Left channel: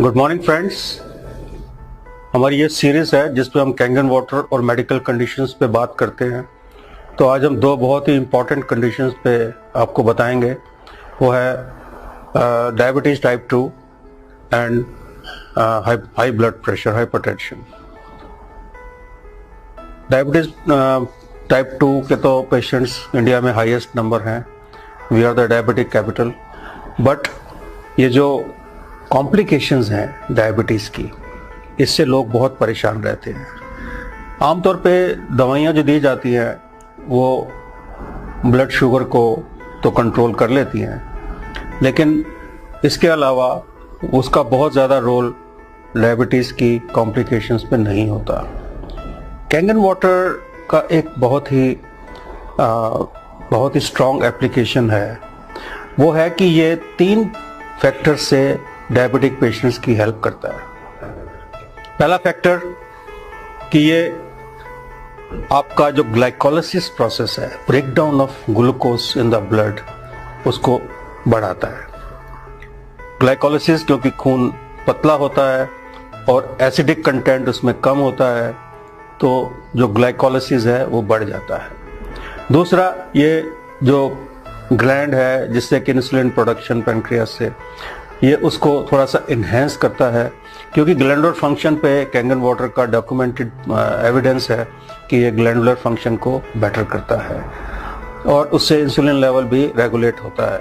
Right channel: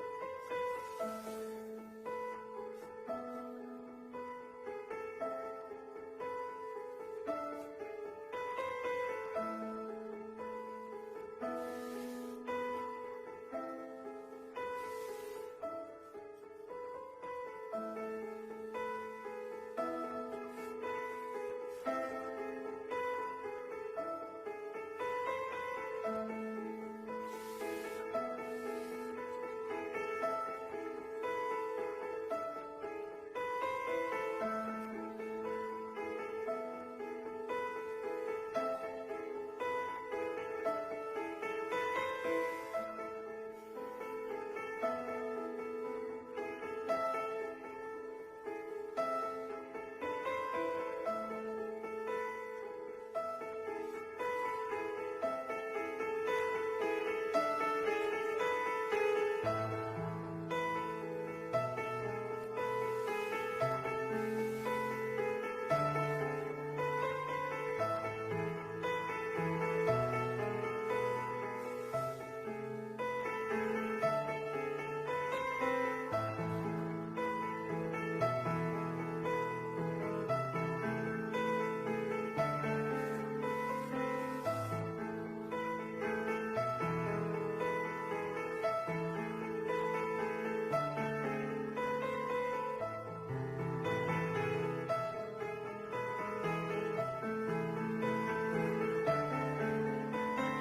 Good morning friends. हमारी ये series है जिस पे हम कैंगन वाटर और मेडिकल कंडीशंस पे बात करते हैं। तो आज हम दो बहुत ही इम्पॉर्टेंट कंडीशंस पे आपको बताएंगे। वो है diabetes type 2 and high blood pressure, hypertension. Diabetes type 2 के तो पेशेंट्स इंडिया में हाईएस्ट नंबर हैं। We are the diabetic capital. But ये जो कॉम्प्लिकेशंस हैं डायबिटीज़ की, इससे लोग बहुत परेशान रहते हैं। आमतौर पे दवाइयाँ जो दी जाती हैं वो ब्लड शुगर को तो कंट्रोल कर लेती हैं, लेकिन इसके अलावा उसका बहुत ज़्यादा रोल डायबिटीज़ की कॉम्प्लिकेशंस पे नहीं होता। कैंगन वाटर का एक बहुत ही स्ट्रॉन्ग एप्लीकेशन है। वो है कि ये 3 फैक्टर से डायबिटिक पेशेंट्स की हेल्प करता है। पहला फैक्टर कि ये आपका जो ग्लाइकोलाइसिस प्रोसेस है, break down of glucose in the blood, उसको बढ़ाता है। ग्लाइकोलाइसिस क्योंकि खून पतला होता है और एसिडिक कंटेंट उसमें कम होता है, तो जो ग्लाइकोलाइसिस है वो बढ़ जाता है। दूसरा, ये जो ग्लैंड है जिससे कि इंसुलिन प्रोडक्शन पैनक्रियास से, ये उसको थोड़ा सा इन्हेंस करता है, क्योंकि ग्लैंडुलर फंक्शन पे कैंगन वाटर का डॉक्यूमेंटेड एविडेंस है कि ये ग्लैंडुलर फंक्शन को बेटर करता है और उससे इंसुलिन लेवल भी रेगुलेट होता है।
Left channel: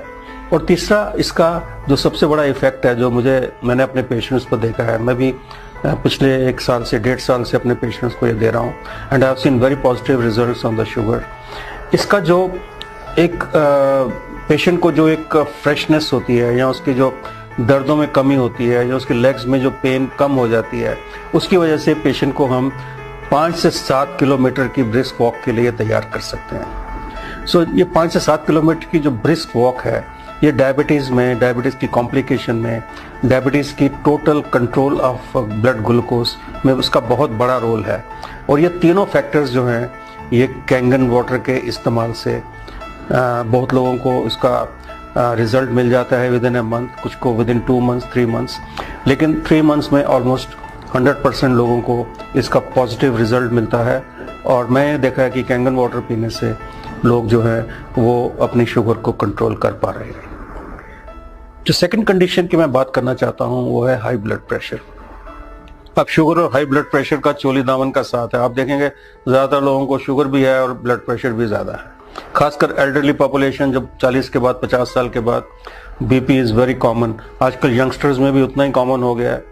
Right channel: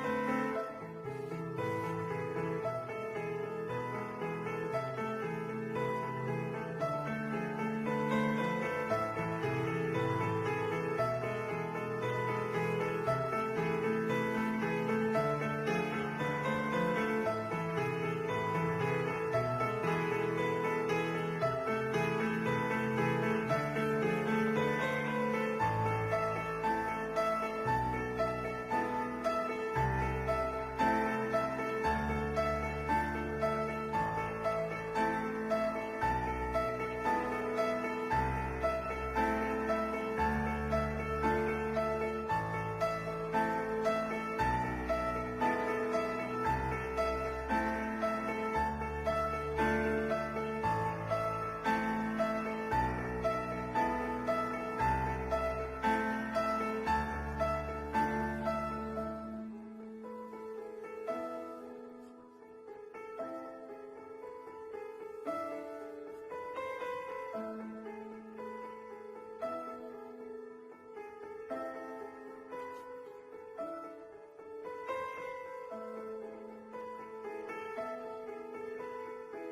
और तीसरा, इसका जो सबसे बड़ा इफेक्ट है जो मैंने अपने पेशेंट्स पर देखा है, मैं भी पिछले 1 साल से 1.5 साल से अपने पेशेंट्स को ये दे रहा हूँ, and I have seen very positive results on the sugar. इसका जो एक पेशेंट को जो एक फ्रेशनेस होती है, या उसकी जो दर्दों में कमी होती है, या उसके लेग्स में जो पेन कम हो जाती है, उसकी वजह से पेशेंट को हम 5 से 7 किलोमीटर की ब्रिस्क वॉक के लिए तैयार कर सकते हैं। सो ये 5 से 7 किलोमीटर की जो ब्रिस्क वॉक है, ये डायबिटीज़ की कॉम्प्लिकेशन में, डायबिटीज़ की total control of blood glucose में उसका बहुत बड़ा रोल है। और ये तीनों फैक्टर्स जो हैं, ये कैंगन वाटर के इस्तेमाल से बहुत लोगों को इसका रिजल्ट मिल जाता है विद इन ए मंथ, कुछ को विद इन 2 मंथ्स, 3 मंथ्स, लेकिन 3 मंथ्स में ऑलमोस्ट 100% लोगों को इसका पॉजिटिव रिजल्ट मिलता है। और मैंने देखा है कि कैंगन वाटर पीने से लोग जो हैं वो अपनी शुगर को कंट्रोल कर पा रहे हैं। जो सेकंड कंडीशन की मैं बात करना चाहता हूँ वो है हाई ब्लड प्रेशर। अब शुगर और हाई ब्लड प्रेशर का चोली दामन का साथ है। आप देखेंगे ज़्यादातर लोगों को शुगर भी है और ब्लड प्रेशर भी ज़्यादा है, खासकर एल्डरली पॉपुलेशन। जब 40 के बाद 50 साल के बाद बीपी इज़ वेरी कॉमन। आजकल यंगस्टर्स में भी उतना ही कॉमन हो गया है।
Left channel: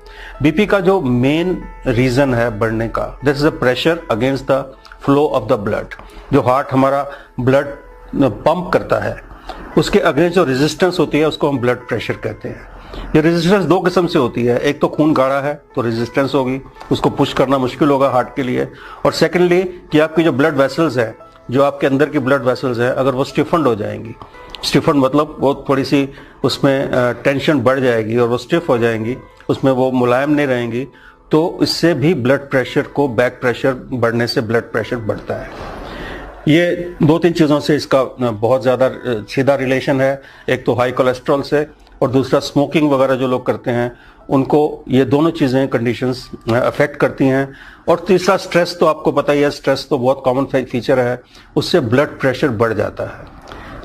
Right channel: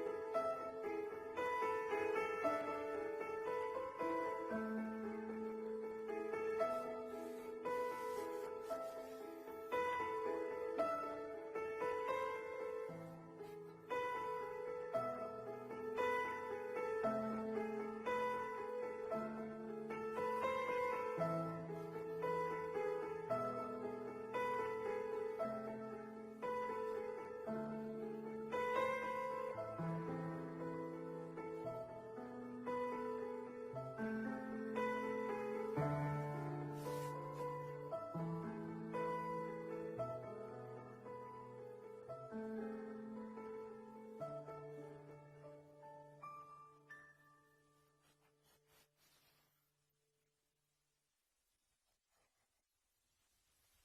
बीपी का जो मेन रीज़न है बढ़ने का, this is a pressure against the flow of the blood. जो हार्ट हमारा ब्लड पंप करता है, उसके अगेंस्ट जो रेजिस्टेंस होती है उसको हम ब्लड प्रेशर कहते हैं। ये रेजिस्टेंस 2 किस्म से होती है। एक तो खून गाढ़ा है तो रेजिस्टेंस होगी, उसको पुश करना मुश्किल होगा हार्ट के लिए। और सेकेंडली कि आपकी जो ब्लड वेसल्स है, जो आपके अंदर की ब्लड वेसल्स है, अगर वो स्टिफन्ड हो जाएंगी, स्टिफन्ड मतलब वो थोड़ी सी उसमें टेंशन बढ़ जाएगी और वो स्टिफ हो जाएंगी, उसमें वो मुलायम नहीं रहेंगी, तो इससे भी ब्लड प्रेशर को, बैक प्रेशर बढ़ने से ब्लड प्रेशर बढ़ता है। ये 2-3 चीज़ों से इसका बहुत ज़्यादा सीधा रिलेशन है। एक तो हाई कोलेस्ट्रॉल से, और दूसरा स्मोकिंग वगैरह जो लोग करते हैं उनको ये दोनों चीज़ें, कंडीशंस अफेक्ट करती हैं। और तीसरा, स्ट्रेस तो आपको पता ही है, स्ट्रेस तो बहुत कॉमन फीचर है, उससे ब्लड प्रेशर बढ़ जाता है।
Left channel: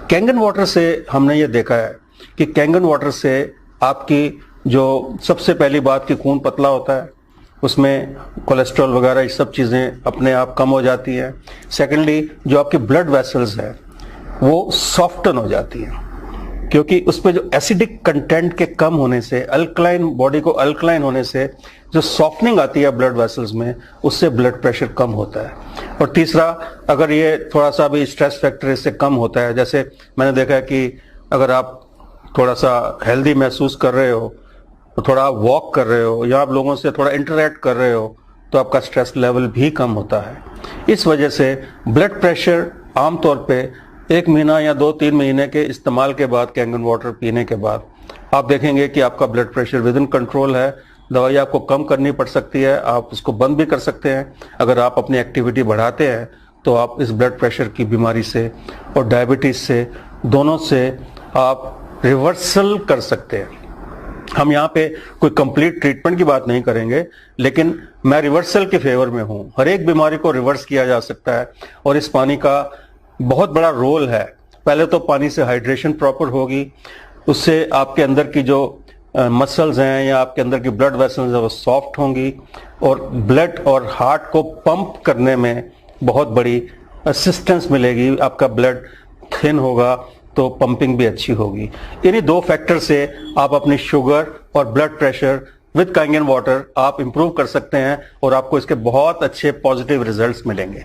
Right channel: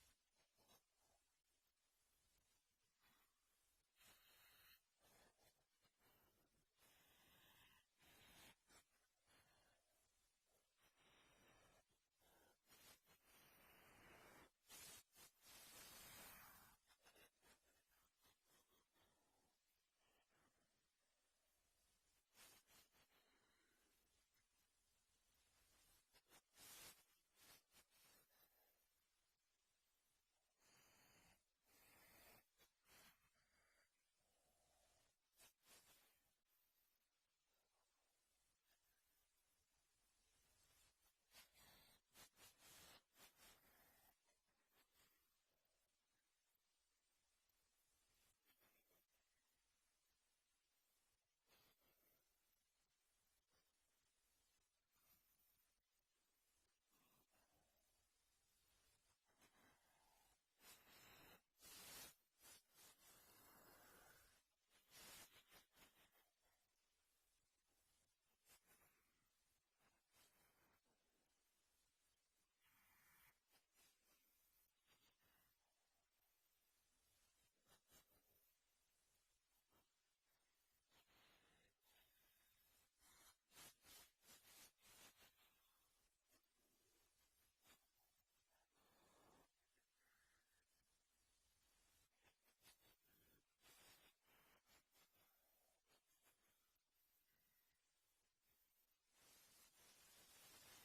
कैंगन वाटर से हमने ये देखा है कि कैंगन वाटर से आपकी जो सबसे पहली बात कि खून पतला होता है, उसमें कोलेस्ट्रॉल वगैरह ये सब चीज़ें अपने आप कम हो जाती हैं। सेकेंडली, जो आपकी ब्लड वेसल्स है वो सॉफ्टन हो जाती हैं, क्योंकि उस पर जो एसिडिक कंटेंट के कम होने से, अल्कलाइन, बॉडी को अल्कलाइन होने से जो सॉफ्टनिंग आती है ब्लड वेसल्स में, उससे ब्लड प्रेशर कम होता है। और तीसरा, अगर ये थोड़ा सा भी स्ट्रेस फैक्टर इससे कम होता है, जैसे मैंने देखा है कि अगर आप थोड़ा सा हेल्दी महसूस कर रहे हो, तो थोड़ा आप वॉक कर रहे हो, या आप लोगों से थोड़ा इंटरेक्ट कर रहे हो, तो आपका स्ट्रेस लेवल भी कम होता है। इस वजह से ब्लड प्रेशर आमतौर पे 1 महीना या 2-3 महीने के इस्तेमाल के बाद, कैंगन वाटर पीने के बाद, आप देखेंगे कि आपका blood pressure with in control है। दवाई आपको कम करनी पड़ सकती है, आप उसको बंद भी कर सकते हैं। अगर आप अपनी एक्टिविटी बढ़ाते हैं तो आप इस ब्लड प्रेशर की बीमारी से और डायबिटीज़ से, दोनों से आप रिवर्सल कर सकते हैं। हम यहाँ पे कोई कंप्लीट ट्रीटमेंट की बात नहीं करेंगे, लेकिन मैं रिवर्सल के फेवर में हूँ। हर एक बीमारी को रिवर्स किया जा सकता है और इस पानी का बहुत बड़ा रोल है। पहले तो पानी से हाइड्रेशन प्रॉपर होगी, उससे आपके अंदर की जो मसल्स हैं या आपके अंदर की ब्लड वेसल्स हैं वो सॉफ्ट होंगी और ब्लड और हार्ट को पंप करने में बहुत बड़ी असिस्टेंस मिलेगी। आपका ब्लड थिन होगा तो पंपिंग भी अच्छी होगी। इन्हीं 2 फैक्टर से आप अपनी शुगर और ब्लड प्रेशर विद कांगेन वाटर आप इंप्रूव कर सकते हैं और आपको इसके बहुत अच्छे पॉजिटिव रिजल्ट्स मिलेंगे।